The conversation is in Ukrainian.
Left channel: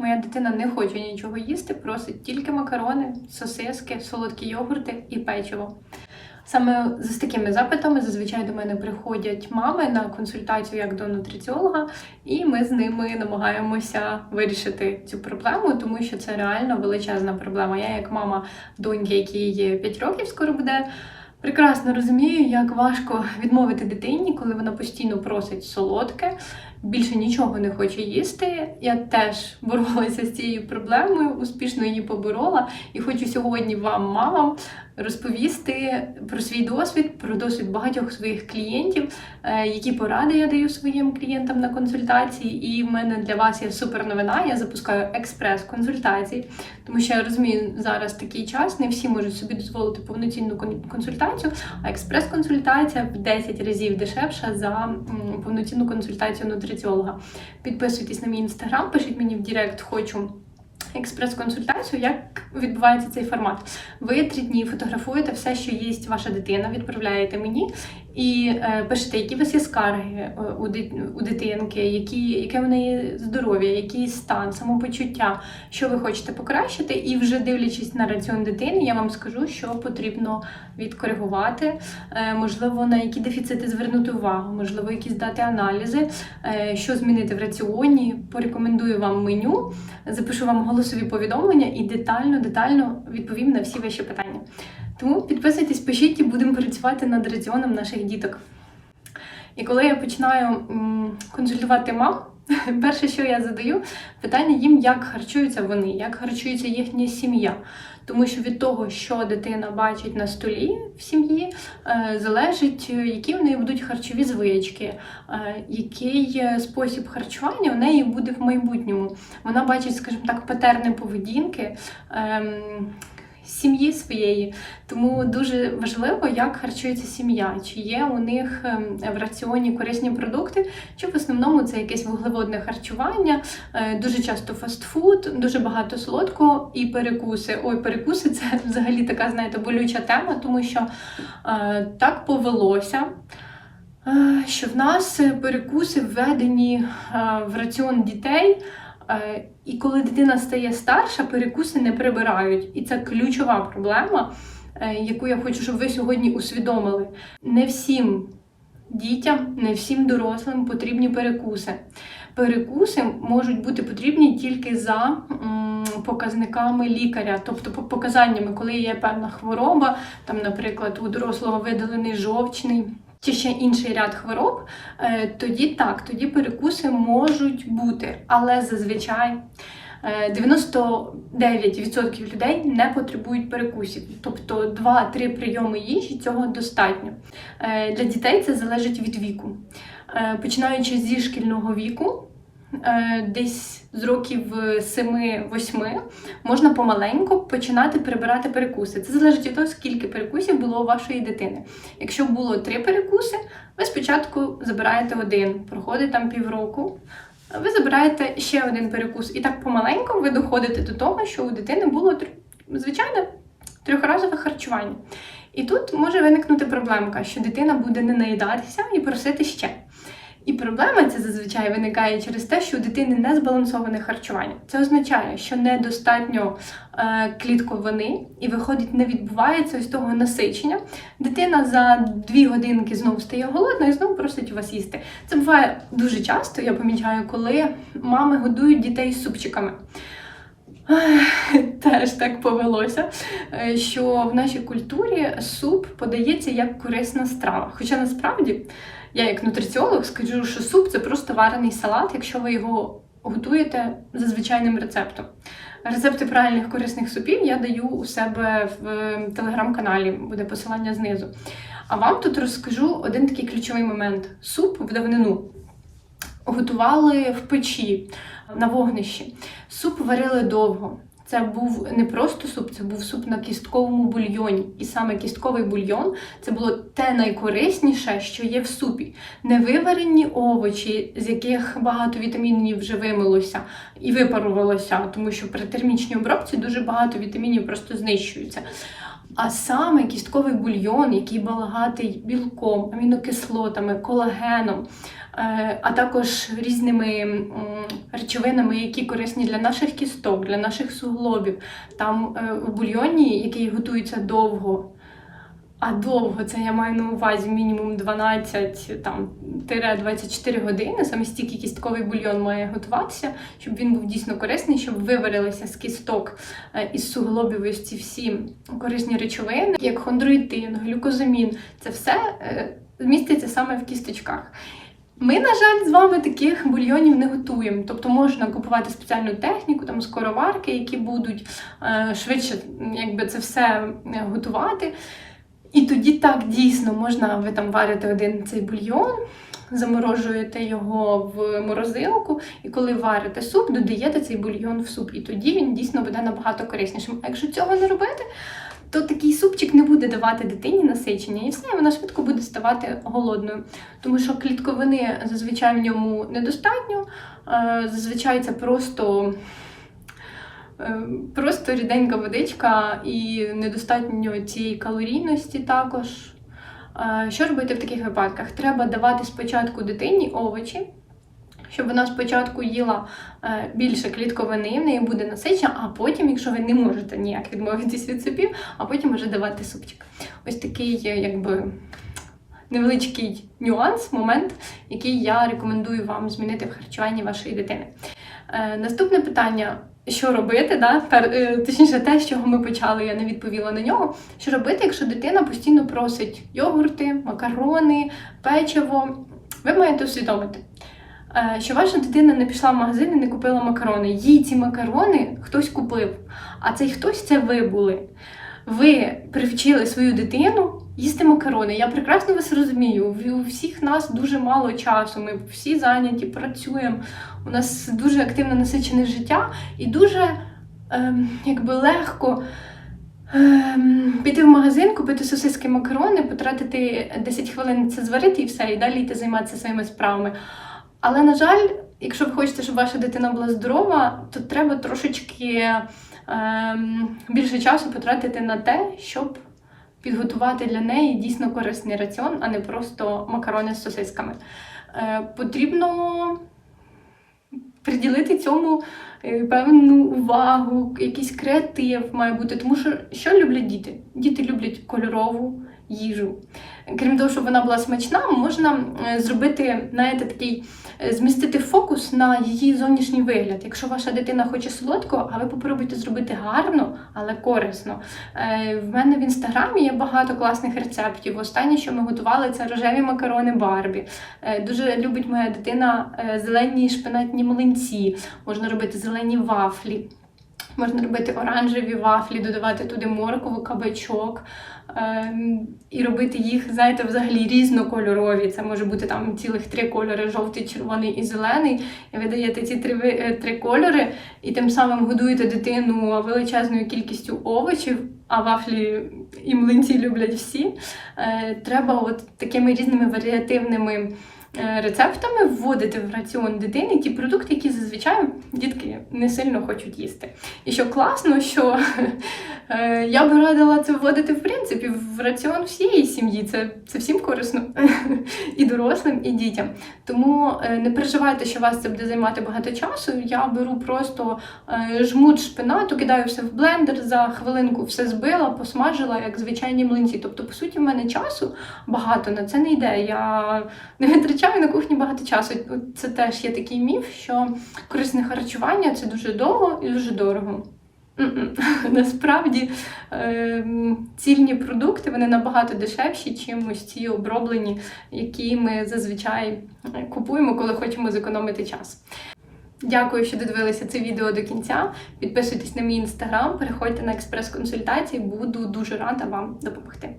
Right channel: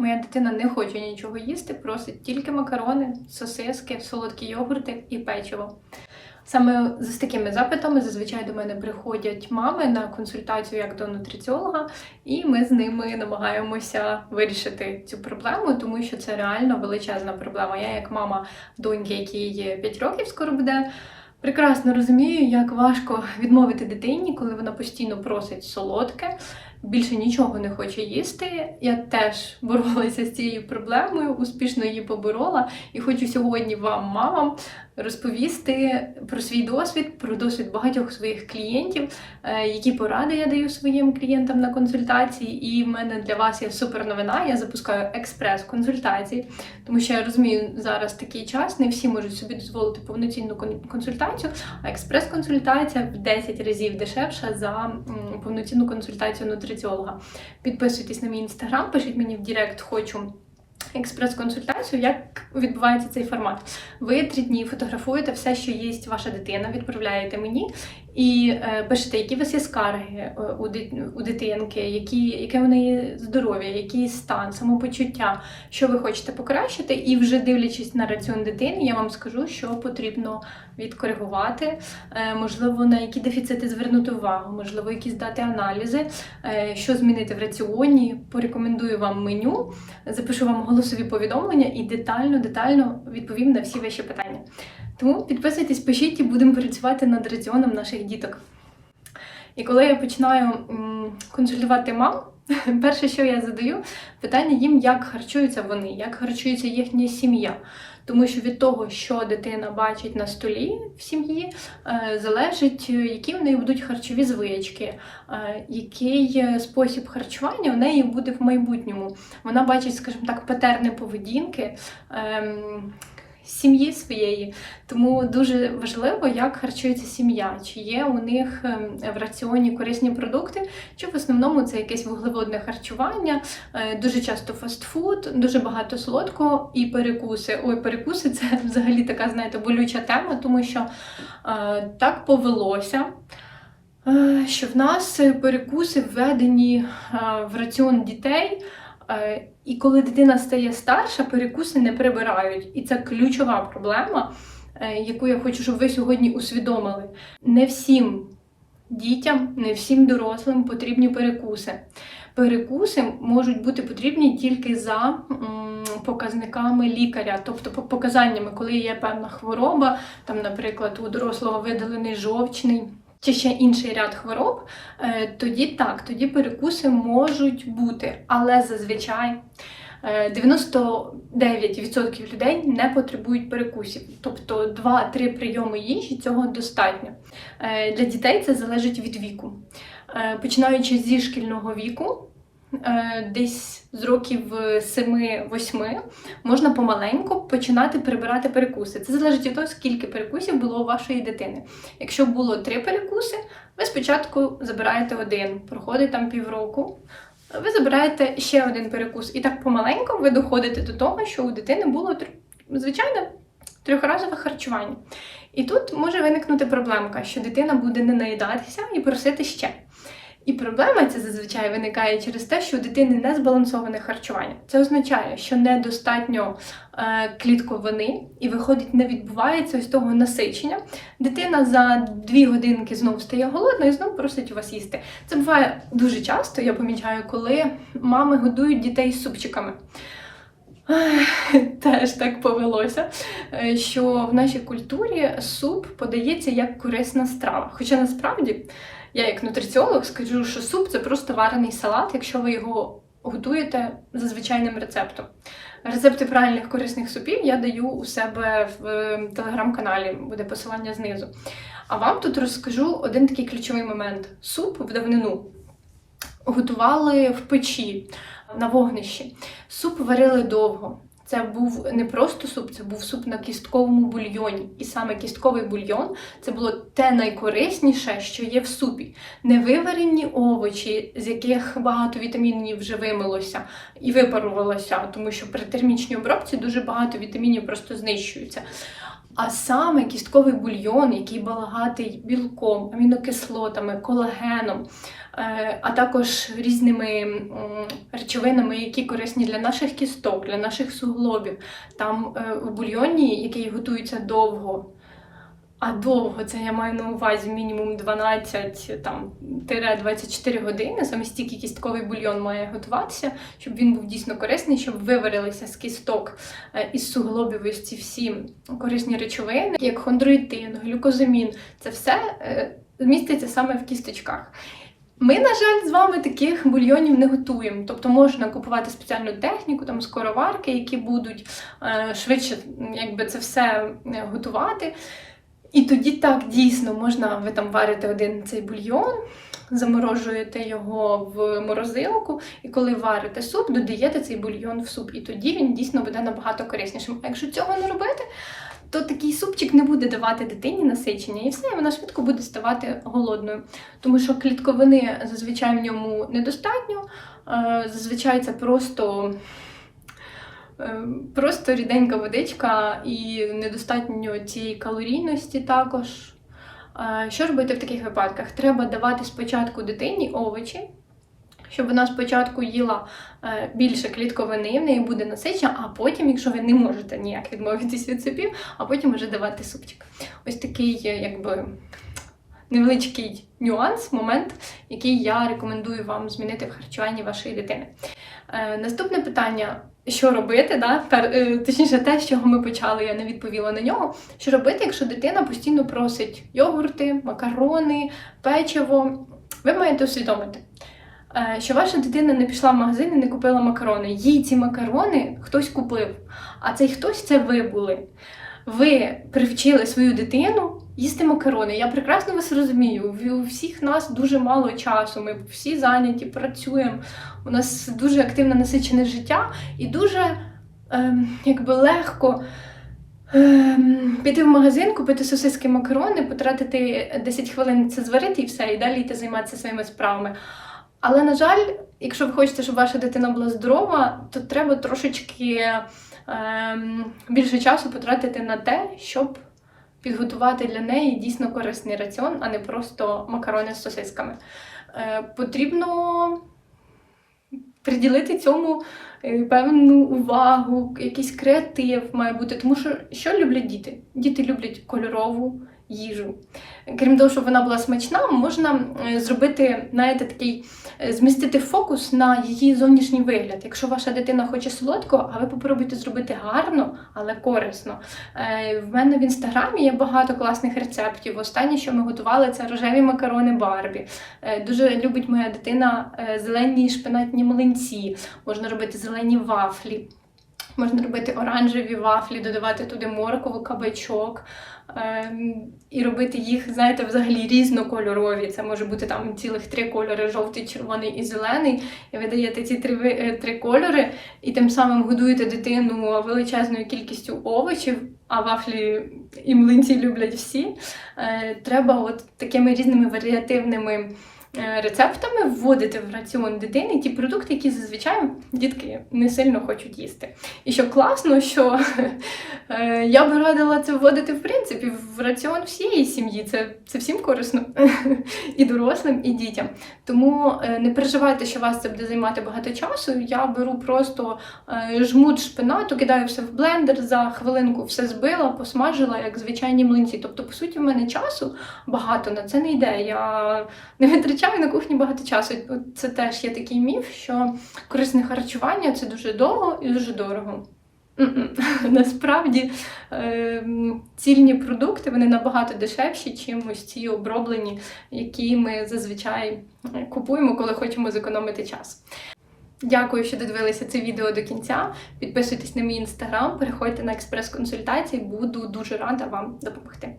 Моя дитина не хоче нічого їсти, просить тільки макарони, сосиски, солодкі йогурти і печиво. Саме з такими запитами зазвичай до мене приходять мами на консультацію як до нутриціолога, і ми з ними намагаємося вирішити цю проблему, тому що це реально величезна проблема. Я, як мама доньки, якій 5 років скоро буде, прекрасно розумію, як важко відмовити дитині, коли вона постійно просить солодке, більше нічого не хоче їсти. Я теж боролася з цією проблемою, успішно її поборола, і хочу сьогодні вам, мамам, розповісти про свій досвід, про досвід багатьох своїх клієнтів, е, які поради я даю своїм клієнтам на консультації. І в мене для вас є супер новина. Я запускаю експрес-консультації, тому що я розумію, зараз такий час, не всі можуть собі дозволити повноцінну консультацію, а експрес-консультація в 10 разів дешевша за повноцінну консультацію нутриціолога. Підписуйтесь на мій інстаграм, пишіть мені в Директ, хочу. Експрес-консультацію, як відбувається цей формат. Ви три дні фотографуєте все, що їсть ваша дитина, відправляєте мені і е, пишете, які у вас є скарги е, у, у дитинки, які, яке в неї здоров'я, який стан, самопочуття, що ви хочете покращити. І вже дивлячись на раціон дитини, я вам скажу, що потрібно відкоригувати, е, можливо, на які дефіцити звернути увагу, можливо, якісь дати аналізи, що змінити в раціоні. Порекомендую вам меню, запишу вам голосові повідомлення і детально, детально відповім на всі ваші питання. Тому підписуйтесь, пишіть і будемо працювати над раціоном наших діток. І коли я починаю консультувати мам, перше, що я задаю, питання їм, як харчуються вони, як харчується їхня сім'я. Тому що від того, що дитина бачить на столі в сім'ї, е, залежить, е, які в неї будуть харчові звички, е, який спосіб харчування в неї буде в майбутньому. Вона бачить, скажімо так, патерни поведінки. Сім'ї своєї, тому дуже важливо, як харчується сім'я, чи є у них ем, в раціоні корисні продукти, чи в основному це якесь вуглеводне харчування, е, дуже часто фастфуд, дуже багато солодкого і перекуси. Ой, перекуси це взагалі така, знаєте, болюча тема, тому що е, так повелося. е, Що в нас перекуси введені в раціон дітей, і коли дитина стає старша, перекуси не прибирають. І це ключова проблема, е, яку я хочу, щоб ви сьогодні усвідомили. Не всім дітям, не всім дорослим потрібні перекуси. Перекуси можуть бути потрібні тільки за показниками лікаря, тобто показаннями, коли є певна хвороба, там, наприклад, у дорослого видалений жовчний. Чи ще інший ряд хвороб, е, тоді так, тоді перекуси можуть бути, але зазвичай е, 99% людей не потребують перекусів, тобто 2-3 прийоми їжі цього достатньо. Е, Для дітей це залежить від віку. Е, Починаючи зі шкільного віку, е, десь з років 7-8, можна помаленьку починати прибирати перекуси. Це залежить від того, скільки перекусів було у вашої дитини. Якщо було три перекуси, ви спочатку забираєте один, проходить там півроку. Ви забираєте ще один перекус, і так помаленьку ви доходите до того, що у дитини було звичайне трьохразове харчування. І тут може виникнути проблемка, що дитина буде не наїдатися і просити ще. І проблема ця зазвичай виникає через те, що у дитини не збалансоване харчування. Це означає, що недостатньо е, клітковини, і виходить, не відбувається ось того насичення. Дитина за дві годинки знову стає голодна і знову просить у вас їсти. Це буває дуже часто, я помічаю, коли мами годують дітей супчиками. Теж так повелося, е, що в нашій культурі суп подається як корисна страва. Хоча насправді я, як нутриціолог, скажу, що суп це просто варений салат, якщо ви його готуєте за звичайним рецептом. Рецепти правильних корисних супів я даю у себе в е, телеграм-каналі, буде посилання знизу. А вам тут розкажу один такий ключовий момент: суп в давнину готували в печі на вогнищі. Суп варили довго. Це був не просто суп, це був суп на кістковому бульйоні. І саме кістковий бульйон це було те найкорисніше, що є в супі. Не виварені овочі, з яких багато вітамінів вже вимилося і випарувалося, тому що при термічній обробці дуже багато вітамінів просто знищуються. А саме кістковий бульйон, який багатий білком, амінокислотами, колагеном, е, а також різними речовинами, які корисні для наших кісток, для наших суглобів. Там е, в бульйоні, який готується довго. А довго це я маю на увазі мінімум 12 там, тире 24 години. Саме стільки кістковий бульйон має готуватися, щоб він був дійсно корисний, щоб виварилися з кісток е, із суглобів ось ці всі корисні речовини, як хондроїтин, глюкозамін. Це все е, міститься саме в кісточках. Ми, на жаль, з вами таких бульйонів не готуємо. Тобто можна купувати спеціальну техніку, там скороварки, які будуть е, швидше якби, це все готувати. І тоді так дійсно можна ви там варите один цей бульйон, заморожуєте його в морозилку, і коли варите суп, додаєте цей бульйон в суп. І тоді він дійсно буде набагато кориснішим. А якщо цього не робити, то такий супчик не буде давати дитині насичення, і все, і вона швидко буде ставати голодною. Тому що клітковини зазвичай в ньому недостатньо. Е, Зазвичай це просто. Е, Просто ріденька водичка і недостатньо цієї калорійності також. Е, Що робити в таких випадках? Треба давати спочатку дитині овочі, щоб вона спочатку їла е, більше клітковини, в неї буде насичення, а потім, якщо ви не можете ніяк відмовитись від супів, а потім вже давати супчик. Ось такий, якби. Невеличкий нюанс, момент, який я рекомендую вам змінити в харчуванні вашої дитини. Е, наступне питання: що робити? Да? Е, точніше, те, з чого ми почали, я не відповіла на нього. Що робити, якщо дитина постійно просить йогурти, макарони, печиво? Ви маєте усвідомити, е, що ваша дитина не пішла в магазин і не купила макарони. Їй ці макарони хтось купив, а цей хтось це ви були. Ви привчили свою дитину їсти макарони. Я прекрасно вас розумію. У всіх нас дуже мало часу. Ми всі зайняті, працюємо. У нас дуже активне насичене життя і дуже ем, якби легко. Ем, піти в магазин, купити сосиски макарони, потратити 10 хвилин це зварити і все, і далі йти займатися своїми справами. Але, на жаль, якщо ви хочете, щоб ваша дитина була здорова, то треба трошечки ем, більше часу потратити на те, щоб підготувати для неї дійсно корисний раціон, а не просто макарони з сосисками. Е, потрібно приділити цьому е, певну увагу, якийсь креатив має бути. Тому що що люблять діти? Діти люблять кольорову їжу. Крім того, щоб вона була смачна, можна е, зробити, знаєте, такий е, змістити фокус на її зовнішній вигляд. Якщо ваша дитина хоче солодко, а ви попробуйте зробити гарно, але корисно. Е, В мене в інстаграмі є багато класних рецептів. Останнє, що ми готували, це рожеві макарони Барбі. Дуже любить моя дитина зелені шпинатні млинці. Можна робити зелені вафлі. Можна робити оранжеві вафлі, додавати туди моркову, кабачок ем, і робити їх, знаєте, взагалі різнокольорові. Це може бути там цілих три кольори: жовтий, червоний і зелений. І ви даєте ці три, е, три кольори, і тим самим годуєте дитину величезною кількістю овочів, а вафлі і млинці люблять всі. Е, Треба от такими різними варіативними. Е, Рецептами вводити в раціон дитини ті продукти, які зазвичай дітки не сильно хочуть їсти. І що класно, що е, я би радила це вводити в принципі в раціон всієї сім'ї. Це, це всім корисно і дорослим, і дітям. Тому е, не переживайте, що вас це буде займати багато часу. Я беру просто жмут шпинату, кидаю все в блендер за хвилинку, все збила, посмажила, як звичайні млинці. Тобто, по суті, в мене часу багато на це не йде. Я не витрачаю на кухні багато часу. Це теж є такий міф, що корисне харчування це дуже довго і дуже дорого. Насправді ем, цільні продукти вони набагато дешевші, чим ось ці оброблені, які ми зазвичай купуємо, коли хочемо зекономити час. Дякую, що додивилися це відео до кінця. Підписуйтесь на мій інстаграм, переходьте на експрес-консультації, буду дуже рада вам допомогти.